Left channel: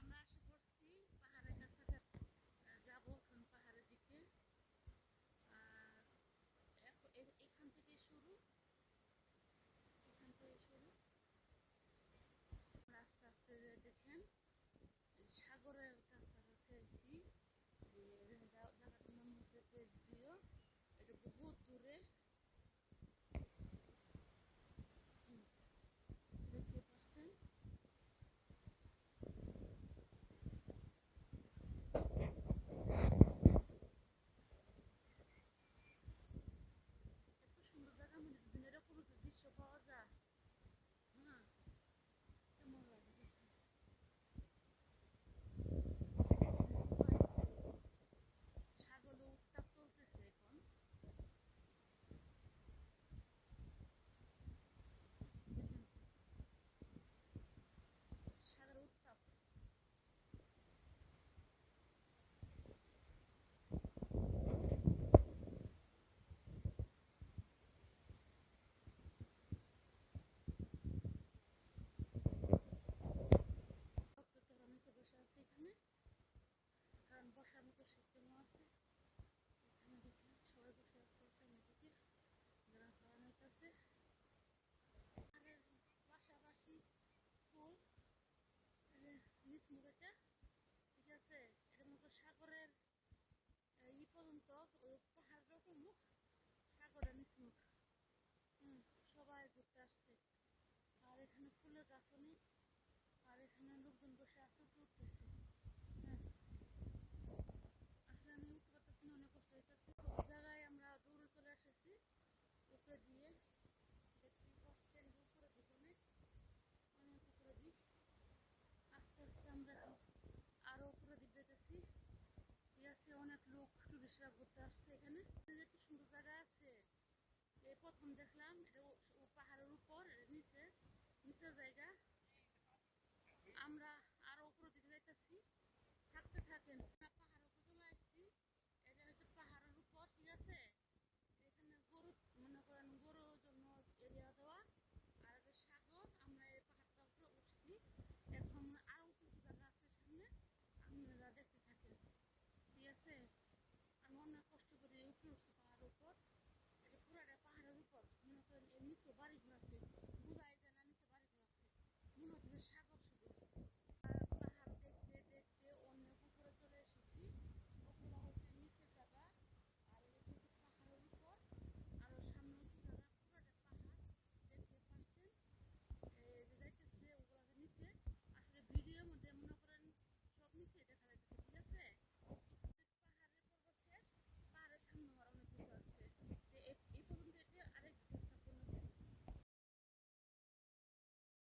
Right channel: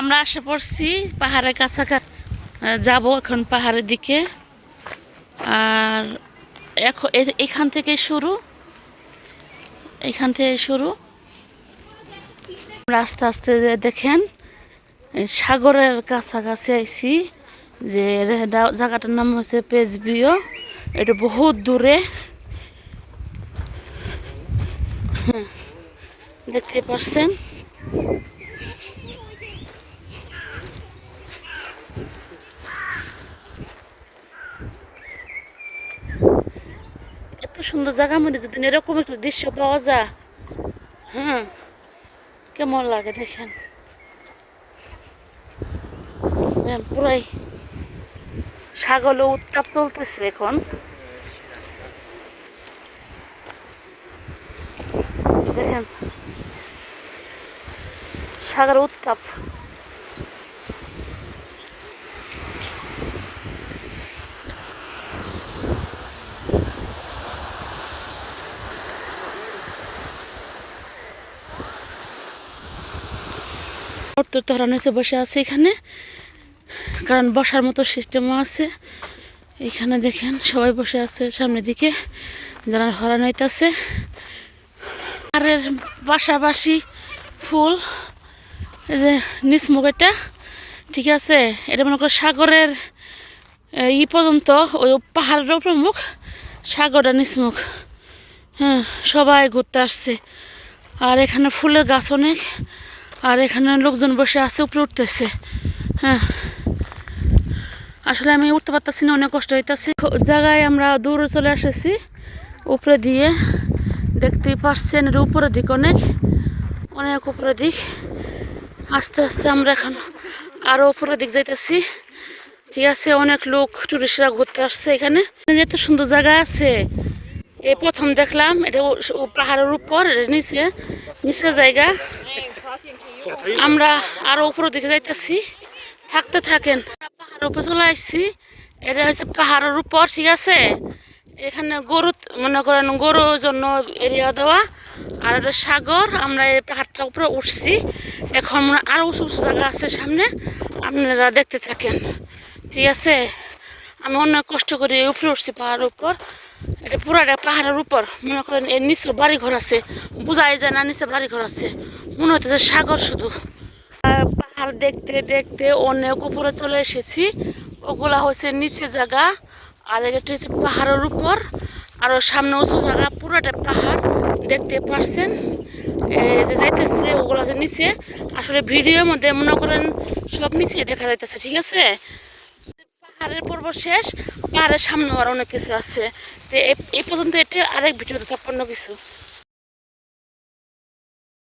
আমরা আসে পড়ছি পাহাড়ের কাছাকাছি, যাব এখন পাহাড়ের দিকে। আর এখন এখান থেকে শুরু, আস্তে আস্তে দেখেন সাগরের কাছাকাছি আইছি। যে জায়গাটার নাম হচ্ছে পেজবিও, এটা বহুত দূরে, দেখতে পাচ্ছেন। এত সুন্দর জায়গার মধ্যে যদি এরকম একটু দৃশ্য পাওয়া যায়, হ্যাঁ, কেমন লাগে দেখেন। পুরাই সাগরে উত্তাপ চলতেছে এখন, দেখেন সাগর উত্তাপ। তো হরান হয়েছে, বসে আছে এখানে, কারণ বসার মতো সিস্টেমও আছে এখানে। দেখেন সবাই বসে আছে সামনের দিকে, যারা হরান হইতেছে। আর এর পাশাপাশি ফুল, এই যে নিসমুখ, এটা ঠিক আছে, এটা মনে করো সাগরের পর্যন্ত, ওই পাহাড়ের প্রমুখ সাগরটা নিসমুখ। হ্যাঁ, সবাই ঘুরতে আসছে। আর এখানে ফুলের গাছ অনেক, আর এখানে লোকজন বসে আছে, উপরে উঠতেছে। হ্যাঁ, আসলে আমি উঠতে পারতেছি না, অনেক কষ্ট হইতেছে। জায়গায় আমরা দূরে চলে এসেছি, উপরে দিয়ে দেখতেই পাচ্ছেন। এর উপরের দিক অনেক অনেক উপরের দিক। আস্তে আস্তে আমরা এখন আরো উপরের দিক যাইতেছি, ঠিক আছে। অনেক লোক, টুরিস্টরা ঘুরতে আসছে এখানে। এত সুন্দর জায়গা আছে, এই প্রথম দেখলাম। এটা পাহাড়ের উপর, নিচে নিচে জায়গা। আমরা আরো উপরের দিকে যাইতেছি, থাকতে থাকেন। পাহাড়ের উপর চলে আসছি, এটা হচ্ছে পাহাড়ের উপর, ঠিক আছে। এখানে গরু, মনে করেন গরুর জন্য এরিয়া দেওয়া, আর এটা সাগর। আমরা এই পাহাড়টার উপরে উঠছি, এখন আরো উঁচু উঁচু জায়গা আছে সামনে, আপনারা দেখতে থাকেন, ঠিক আছে। আমি অনেক কষ্ট করে উপরে উঠছি পাহাড়ের উপর। এটা পুরাটা পাহাড়ের উপর, মনে করেন এর নিচে বাড়ি ঘর আছে, বোঝাই যায় না নিচে বাড়ি ঘর আছে, মনে হচ্ছে সাগর শুধু। পাহাড় দেখতে দেখতে অনেক উপরে চলে এসেছি। ওগুলা হচ্ছে নিচে জায়গা, আর এটা হচ্ছে পাহাড়ের উপর, আরো সামনে উঁচু জায়গা, পুরোটা পাহাড় দেখতে পাচ্ছেন। যাইতেছে ওগুলো হচ্ছে নিচে। আসলে ভিডিওর মধ্যে মনে করেন সব নিচে দেখা যাইতেছে, ঠিক আছে। পাহাড়ের পর্ব শেষ, পাহাড়ের সামনে আর অনেক কিছু আছে। তো এই পর্যন্ত এটা আরেক ভিডিওতে সম্পূর্ণ কিছু।